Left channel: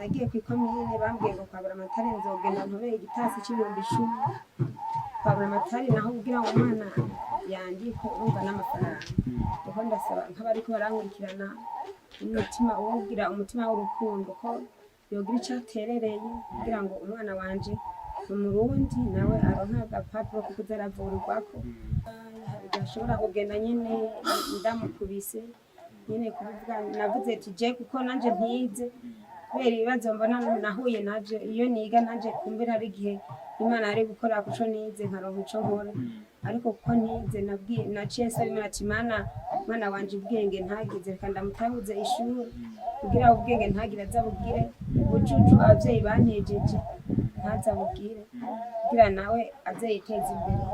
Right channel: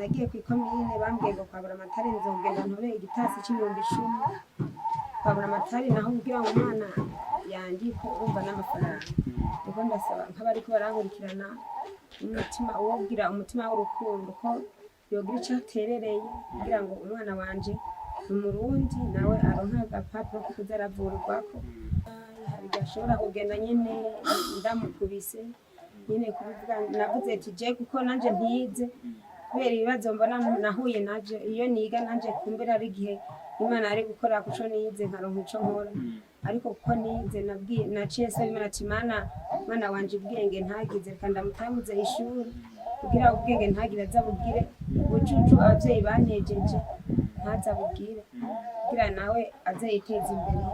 nagiye kw'ikomine bambwiye ngo kwabura amatari nzogenda ntore igitasi c'ibihumbi 10 kwabura amatari naho kugira ngo umwana yangiko urumva n'amafaranga kuko ndasaba nk'abariko barankurikirana umutima uwugira umutima w'urukundo ko yogira ico aterereye kugira ngo umwana wanje umurundi nawe aronka agapapuro ko kuza aravurirwako gashobora kugenda nyene ndamukubise nyene kuvuga navuze ati je kuko nanje ntize kubera ibibazo mbona nahuye navyo iyo niga nanje kumbera ari gihe Imana ari gukora kuco nize nkaronka ico nkora ariko kuko nize nabwiye naciye saba Imana ati mwana wanje ubwenge ntagize reka ndamutanguze ishuri kugira ubwenge ntagira azabugire ubucucu abavyeyi bantejeje ntazabugire kugira nawe azayiteza imbere.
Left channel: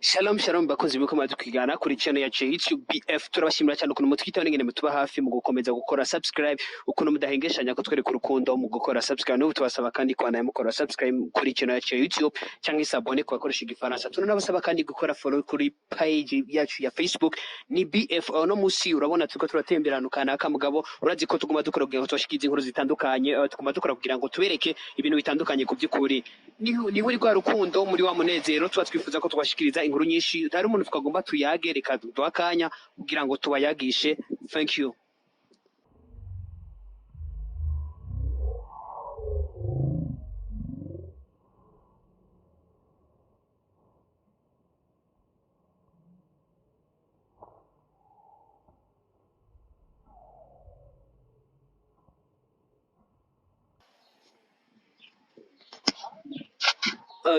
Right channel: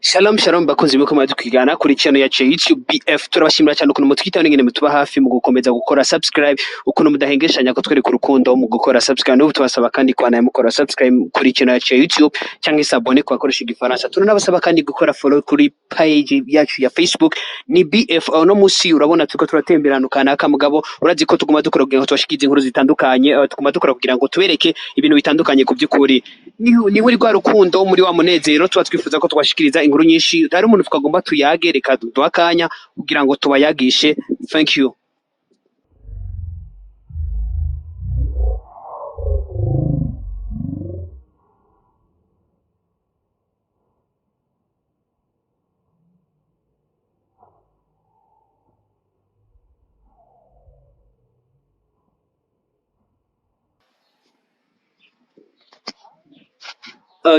Shalom bakunzi biko madukigana kuri channel ya YouTube BF turabashimira cyane ukuntu mutwitaho n'ingene mutuba hafi mu gukomeza gukora subscribe ukuntu mudahengeshanya ko twereka urukundo mu gukora subscribe n'ubu tubasaba kandi kwana mukora subscribe kuri channel ya YouTube cyangwa isabone ku bakoresha igifaransa tunabasaba kandi gukora follow kuri page yacu ya Facebook ni BF no musi urabona tuko turatemberana kanaka mugabo urazi ko tuguma dukora kugira ngo tubashikize inkuru zitandukanye tuguma dukora kugira ngo tubereke ibintu bitandukanye ku by'ukuri ni muri rwa rukundo muri wa munezero tuba twifuza ko twashikiriza inkuru nyinshi hari umuntu tukagomba tuyage reka duhakanya kugira ngo tubayagishe. Thank you.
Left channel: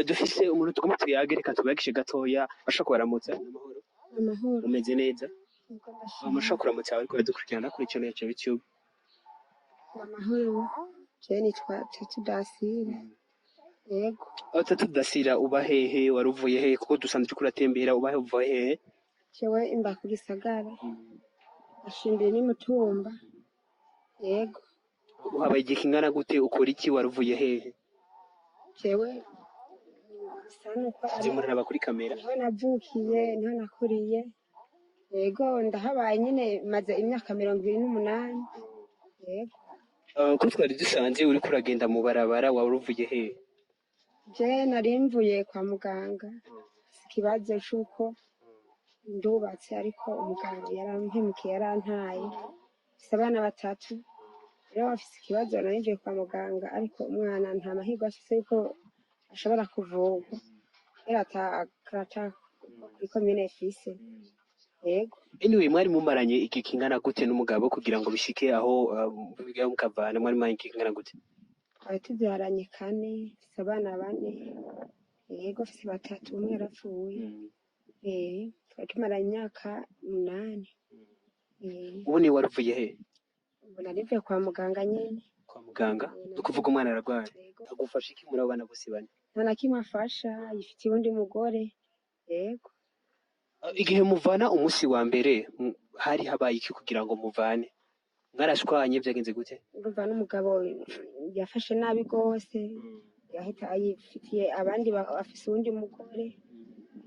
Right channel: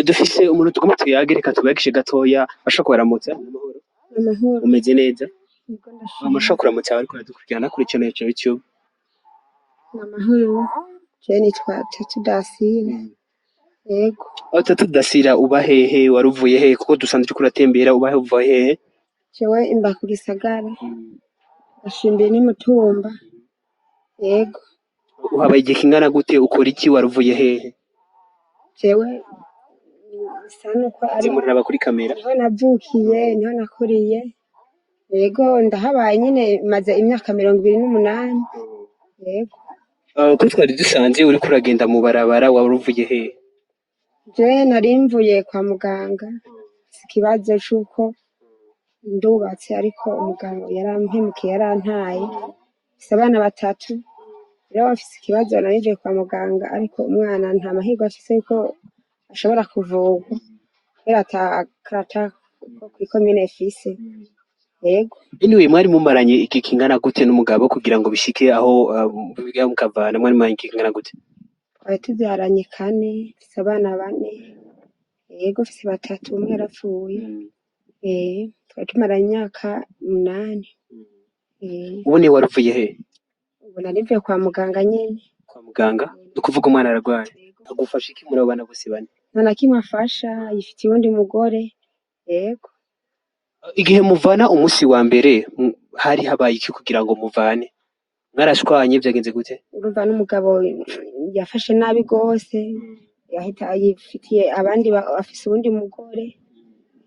Dufise umuntu tugomba tuyage reka tubayagishe gatoya ashaka kubaramutsa amahoro umeze neza amashaka kuramutsa ariko dukurikirana kuri channel ya YouTube amahoro je nitwa Tatu Dancile yego Tatu Dancile uba hehe waruvuye hehe kuko dusanzwe kuratembera uba uvuye hehe jewe imba ku gisagara ashimbiye ni mutumba yego uhabaye igihe kingana gute ukora iki waruvuye hehe jewe sanuko ari muraba kuri kamera niho navukiye niho nakuriye yego ndahabaye nyine maze imyaka 28 yego ko twari dusanze uri kuragenda mu barabara waruvuye hehe je narimvuye kwa muganga ikibazo cyuko ndubatse ariko umuganga yarampemukiye yarantaye abana batatu rero afise ikibazo narimvuye kwa muganga ariko umwana nta mahirwe afise yuko ashobora kuvugwa kubera atakarata kw'ikomine Afise yego anyway mwari mumaranye iki kingana gute n'umugabo kugira ngo bishike aho biga mukavana mwari maranye iki kingana gute twari tubyaranye 4 abana 4 yego afise batatu umwe yarapfuye twari tumaranye imyaka 8 ubu ni waruvuye he ubu narivuye kwa muganga nyene kwa muganga ukuvuga umwana ararwaye agufasha iki muri abana bose bane nta kimwe afasha yifitiye undi mugore yego igihe muvana umunsi wa mbere hari habaye iki kugira ngo muvane mwarashwanye byagenze gute urumva n'umugabo yafashe nabi gose yahita ayifitiye abandi afise undi mugore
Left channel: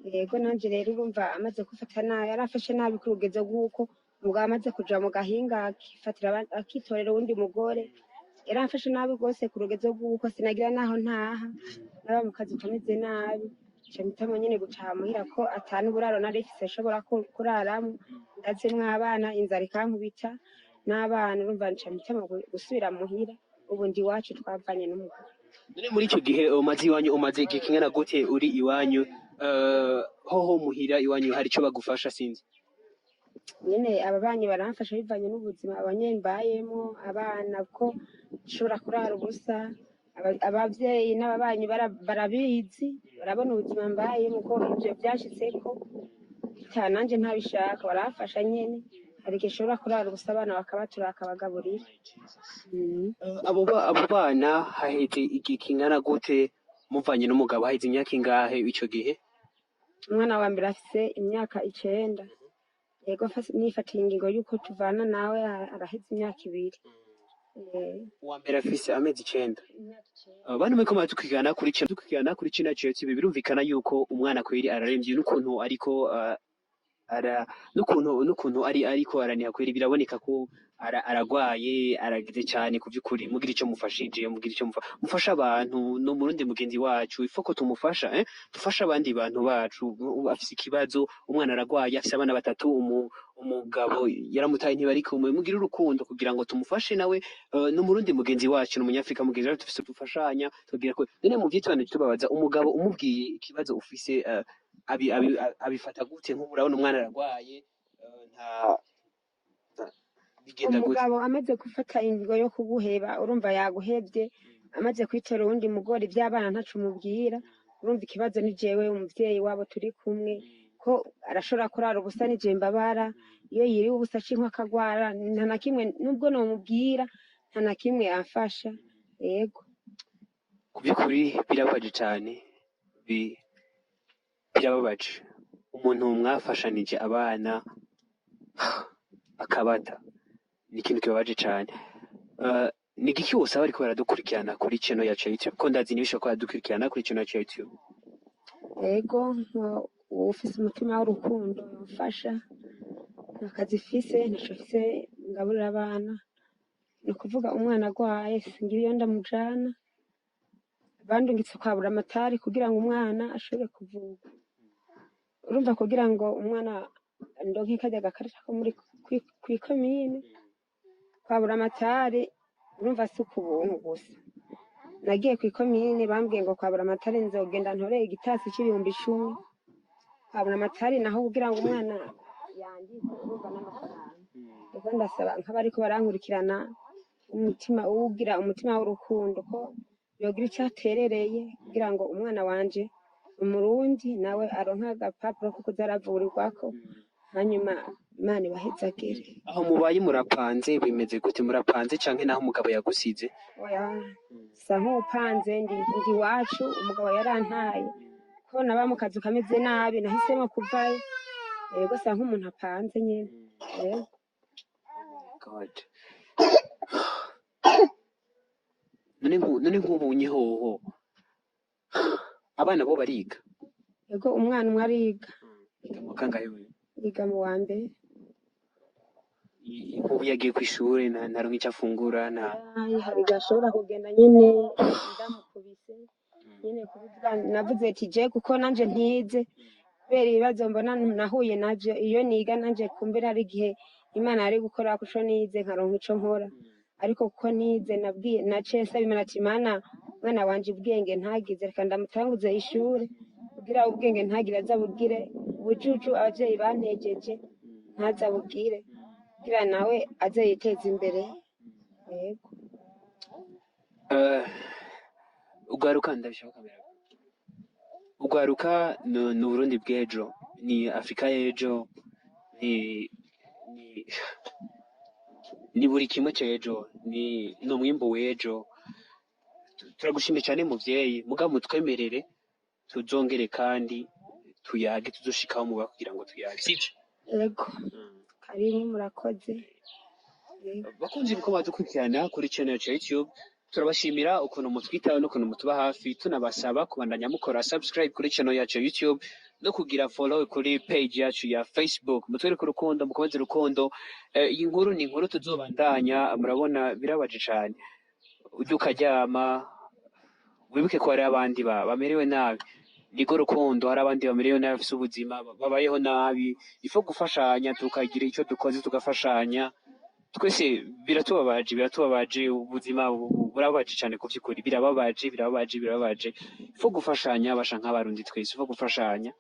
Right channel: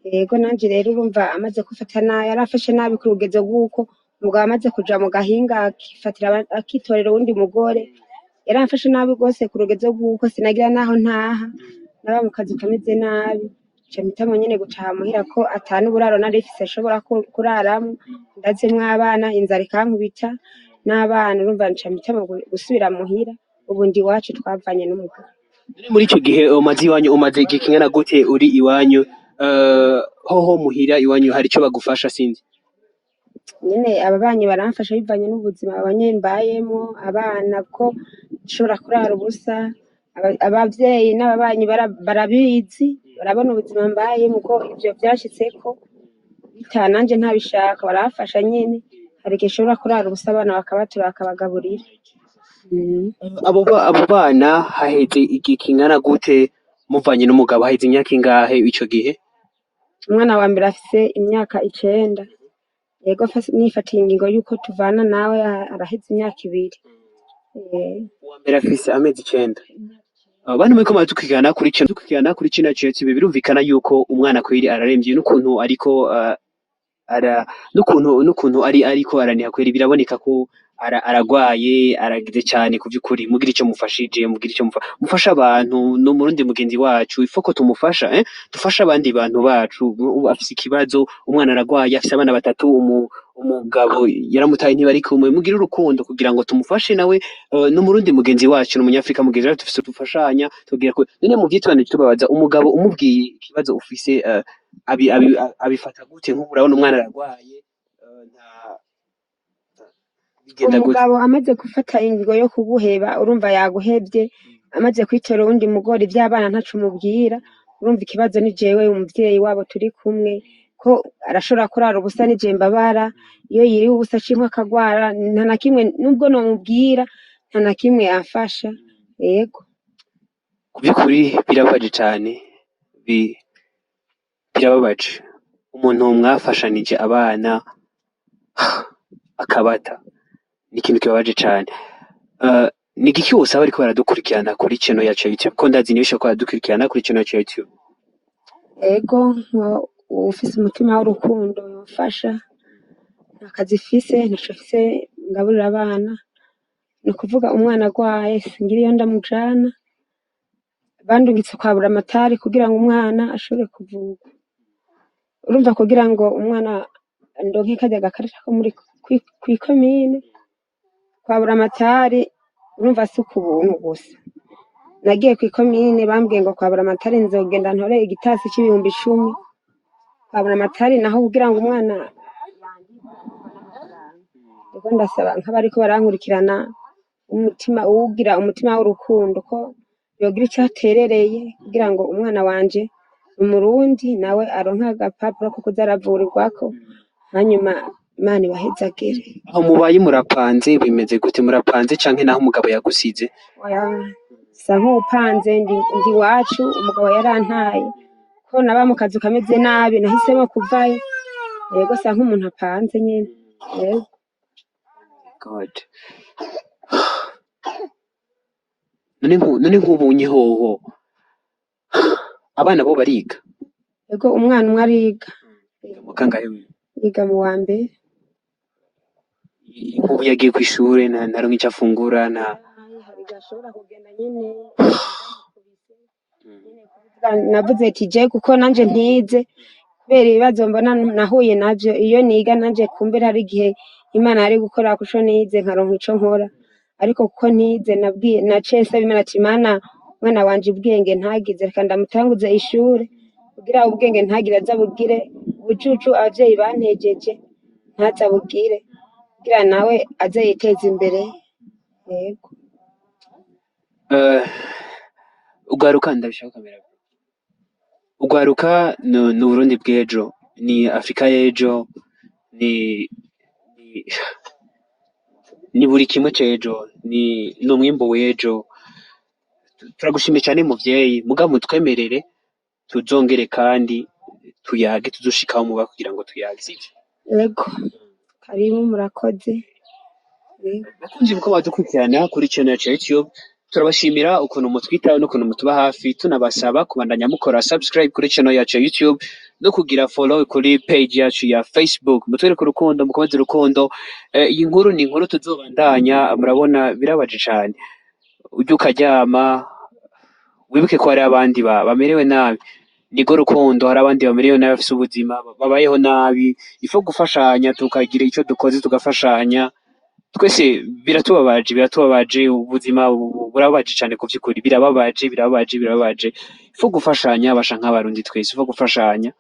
yego nanje rero urumva amaze kufatana yarafashe nabi ku rugezo rw'uko umugabo amaze kuja mu gahinga akifatira akitorera undi mugore yaramfashe nabi gose ku rugezo rw'uko sinagira naho ntaha naba mu kazi kameze nabi camita nyene gutaha muhira ko atanu buraro narifise ashobora kuraramo ndazemwe abana inzara ikankubita n'abana urumva camita gusubira muhira ubundi wacu twavanye n'umugabo muri ico gihe umaze igihe kingana gute uri iwanyu hoho muhira iwanyu hari ico bagufasha sinzi nyene ababanyi baramfasha bivanye n'ubuzima abanyembayemo abana ko nshobora kurara ubusa abavyeyi n'ababanyi barabizi barabona ubuzima mbayemo ko ivyo byashitseko bitananje ntabishaka barafasha nyene hari igihe ushobora kurara ubusa abana bakabatura bakabagaburira abo bana haheze igihe kingana gute muvanye n'umugabo haheze imyaka ingahe ico gihe umwana wa mbere afise imyaka 9 yego nifatiye ingingo yuko tuvana nawe araheze imyaka 2 uwa mbere afise amezi 9 Abantu muriko muradukurikirana kuri kino ceti birumvikana yuko umwana kweri araremvye n'ukuntu ariko n'ukuntu ariko araniha kweri biraboneka ko aragwaye aragize cyane ku by'ukuri mugira icyo mufashije mufasha abantu no murundi mugenzi wacu ifoko tumufasha dufasha abandi bantu bacu afise ikibazo umwana aragwaye afise abana batatu umugabo yaramutaye ntibari kumwe mugira urukundo kugira ngo tumufashe nawe no murundi mugenzi wacu no munyafrika mugenzi wacu dufise tufashanya tugira ko none mu vyitwanije tubabaza umugabo umubwiye ikibazo ufise abifata gute nk'ubu urabona umwana aragwaye nta bigenda gute umugabo amaze gufata ingingo yo kuguheba urumva yaguhebye amaze kwitora uwundi mugore iby'abana ntacu mubwira urumva ikibazo ni jewe umuvyeyi wabo turi kumwe ko arashobora kurara ubusa nije mbabara iyo yiriwe ubusa cinkwa akagwara nta na kimwe nubwo nomubwira nta na kimwe amfasha yego ku by'ukuri birababaje cyane birababaje umuntu mwafashanije abana akabata ni ikintu kibabaje cyane ni igiki wose aba ariko baradukurikirana kuri channel yacu ya YouTube ko ndazi nibisha ko baradukurikirana kuri channel yacu ya YouTube ego ufise umutima w'urukundo yomfasha akazi fise ntashafise ngaburira abana no kuvuga umwana agwaye singira iyo ndamujana bandungitse kwabura amatari kugira ngo umwana ashobore kuvurwa urumva kugira ngo umwana ndonke kajya gakarita ko muri kwikomine kwabura amatari urumva si kubuntu gusa nagiye kwikomine bambwiye ngo kwabura amatari nzogenda ntore igitasi c'ibihumbi 10 kwabura amatari naho kugira ngo umwana yandike urumva n'amafaranga ubwo ndasaba nk'abariko barankurikirana umutima uwugira umutima w'urukundo ko yogira icyaterereye kugira ngo umwana wanje umurundi nawe aronka agapapuro ko kuzaravurirwako hanyuma Imana ibahezagire aho mubaye murapanze bimeze gute murapanze canke naho umugabo yagusize oya sa nk'upanze ndi wacu umugabo yarantaye ko naba mu kazu kameze nabi nahisemo kuvayo yego sa nk'umuntu apanze nyene yego God none nk'ubunye hoho abana bo bariga yego umwana umwe ariga mukangahe yiga mu wa mbere nk'ubu yagiye kw'ishure ntaronka ico afungura hari gashobora kugenda nyene ndamukubise nyene kuvuga navuze ati je kuko nanje ntize kubera ibibazo mbona nahuye navyo iyo niga nanje kumbera hari igihe Imana yari gukora kuco nize nkaronka ico nkora ariko kuko ntize nabwiye naciye nsaba Imana ati Mana mwana wanje ubwenge ntagize reka ndamutanguze ishure kugira ubwenge ntagire azabugire ubucucu abavyeyi bantejeje ntazabugire kugira nawe aze yiteza imbere yego ugwaruka ndabishaka kamera ugwaruka ni Burundi bw'ejo ni Afrika y'ejo ni buri kimwe c'ejo ni umwimbo w'ejo turagushimiye cyane muvyeyi mugabo mutwemerere tuzongere kandi tuyage tuzoshikaho muba kugira ngo tuyage sivyo yego karibu murakoze bakunzi muko badukurikirana kuri channel yacu ya YouTube turabashimira ukuntu mutwitaho n'ukuntu mutuba hafi tunabasaba kubandanya mukora subscribe kuri channel yacu ya YouTube no kugira follow kuri page yacu ya Facebook mutwereke urukundo mukomeze urukundo iyi nkuru ni inkuru tuzobandanya murabona birabaje cyane ujye ukaryama wibuke ko hari abandi bamerewe nabi nigo rukundo hari abandi bamerewe nabi bafise ubuzima babayeho nabi ifo gufashanya tukagira icyo dukoze tugafashanya twese biratubabaje ubuzima burababaje cyane ku by'ukuri birababaje ifo gufashanya basha nk'abarundi twese ifo gufashanya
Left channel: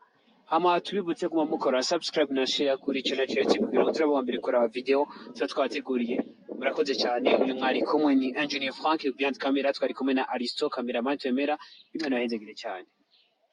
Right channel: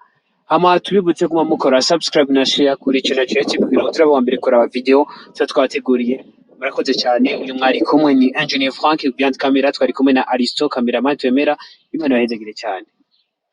hama tubibutse kuma mukora subscribe na share kuri channel yacu kugira ngo turaba mbere kora video twateguriye murakoze cyane uyu mwari kumwe ni Engineer Frank behind camera twari kumwe na Aristo cameraman twemera Imana yahezegire cyane